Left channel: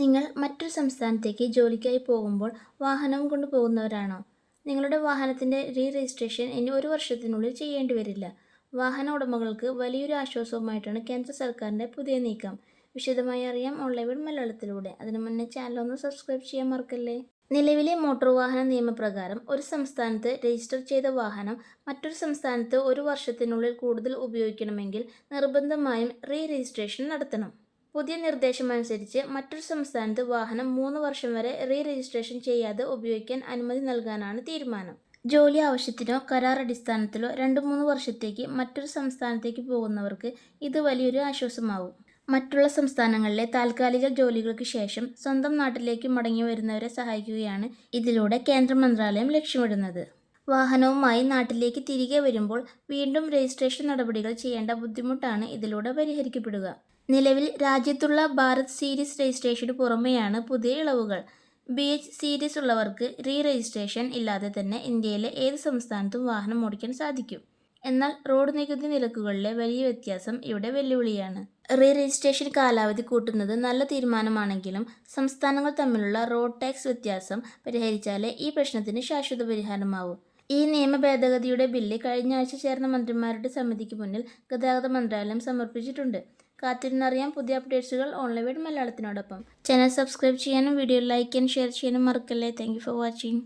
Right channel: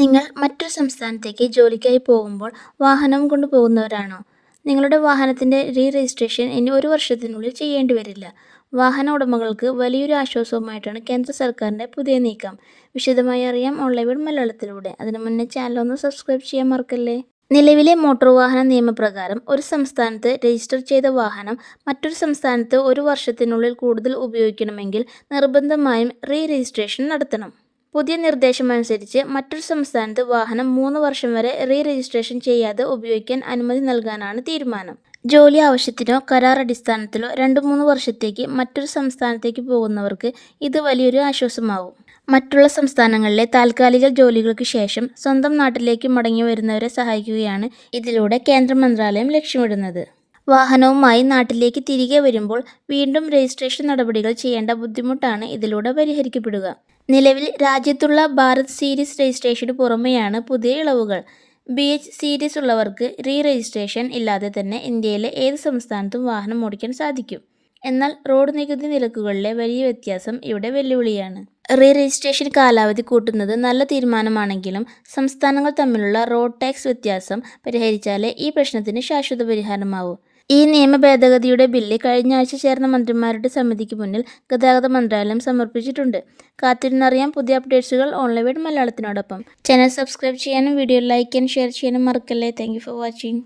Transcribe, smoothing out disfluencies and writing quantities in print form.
നിങ്ങൾ മറ്റൊരു സംസ്ഥാനത്തേക്ക് ജോലിക്കായി പോകുമ്പോൾ വാഹനവും കൊണ്ട് പോകുന്നവരാണോ? നിങ്ങളുടെ വാഹനത്തിൻ്റെ രജിസ്ട്രേഷൻ ഇനി 1 വർഷത്തിനുള്ളിൽ ചെയ്യേണ്ടി വരില്ല. വാഹന ഉടമകൾക്ക് വലിയൊരു ആശ്വാസവുമായിട്ടാണ് കേന്ദ്ര സർക്കാരിൻ്റെ പുതിയ നീക്കം. വിശദമായി അറിയാം ഓൺലൈൻ മലയാളത്തിലൂടെ. അതിനു മുന്നേ ചാനൽ ഒന്ന് സബ്സ്ക്രൈബ് ചെയ്യാൻ മറക്കല്ലേ. നിലവിലെ മോട്ടോർ വാഹന നിയമപ്രകാരം ഒരു സംസ്ഥാനത്ത് രജിസ്റ്റർ ചെയ്ത വാഹനം മറ്റൊരു സംസ്ഥാനത്ത് 1 വർഷത്തിനുള്ളിൽ കൂടുതൽ ഉപയോഗിക്കണമെങ്കിൽ നിർബന്ധമായും രജിസ്ട്രേഷൻ നടത്തണം. പുതിയ നിർദ്ദേശമനുസരിച്ച് മറ്റൊരു സംസ്ഥാനത്ത് വാഹനം 3 വർഷം വരെ രജിസ്ട്രേഷൻ ചെയ്യാതെ ഉപയോഗിക്കാൻ അനുമതി നൽകാനാണ് തീരുമാനം. ജോലി ആവശ്യത്തിനോ കരാർ അടിസ്ഥാനത്തിലോ 2-3 വർഷത്തേക്ക് മറ്റൊരു സംസ്ഥാനത്തേക്ക് പോകുന്നവർക്ക് ഇത് വലിയൊരു ആശ്വാസമാവും. മറ്റുള്ള സംസ്ഥാനങ്ങളിലെ താൽക്കാലിക ജോലികൾക്ക് ശേഷം സ്വന്തം നാട്ടിലേക്ക് മടങ്ങി വരുന്നവരെ സഹായിക്കുകയാണ് ഇതിലൂടെ കേന്ദ്ര മന്ത്രാലയം ലക്ഷ്യമിടുന്നത്. വാഹനവുമായി നാട്ടിലേക്ക് തിരികെ വരുമ്പോൾ വീണ്ടും രജിസ്ട്രേഷൻ നടപടികൾ ചെയ്യേണ്ട ബുദ്ധിമുട്ടാണ് ഇതിലൂടെ പരിഹരിക്കപ്പെടുക. നിലവിൽ രാജ്യത്തുള്ള ഭാരത് സീരീസ് രജിസ്ട്രേഷന് പുറമെയാണ് പുതിയ ഇളവുകൾ. BH സീരീസ് ഉള്ളവർക്ക് രജിസ്ട്രേഷൻ ഇല്ലാതെ തന്നെ ഇന്ത്യയിലെ ഏത് സംസ്ഥാനത്തും വാഹനം ഓടിക്കാൻ സാധിക്കും. എന്നാൽ റോഡ് നികുതി നിരക്കുകളിലെ വലിയ വ്യത്യാസം ഇവിടെ വെല്ലുവിളിയാണ്. രജിസ്ട്രേഷൻ കാലാവധി കൂട്ടുന്നത് നല്ല തീരുമാനമാണെങ്കിലും സംസ്ഥാനങ്ങൾ തമ്മിലുള്ള റോഡ് ടാക്സ് വ്യത്യാസം പരിഹരിച്ചാലേ ഈ പ്രശ്നത്തിന് ശാശ്വത പരിഹാരമാവൂ. ഈ നിയമ ഭേദഗതിയുടെ ബില്ല് കഴിഞ്ഞ ആഴ്ച ചേർന്ന മന്ത്രിമാരുടെ സമിതിക്ക് മുന്നിൽ ഗതാഗത മന്ത്രാലയം സമർപ്പിച്ചിട്ടുണ്ട്. കാത്തിരുന്നറിയാം പുതിയ അപ്ഡേറ്റ്സുകൾ ഓൺലൈൻ മലയാളത്തിനോടൊപ്പം. ചാനൽ സബ്സ്ക്രൈബ് ചെയ്യാനും വീഡിയോ ലൈക്ക് ആൻഡ് ഷെയർ ചെയ്യാനും മറക്കല്ലേ. Thank you for watching.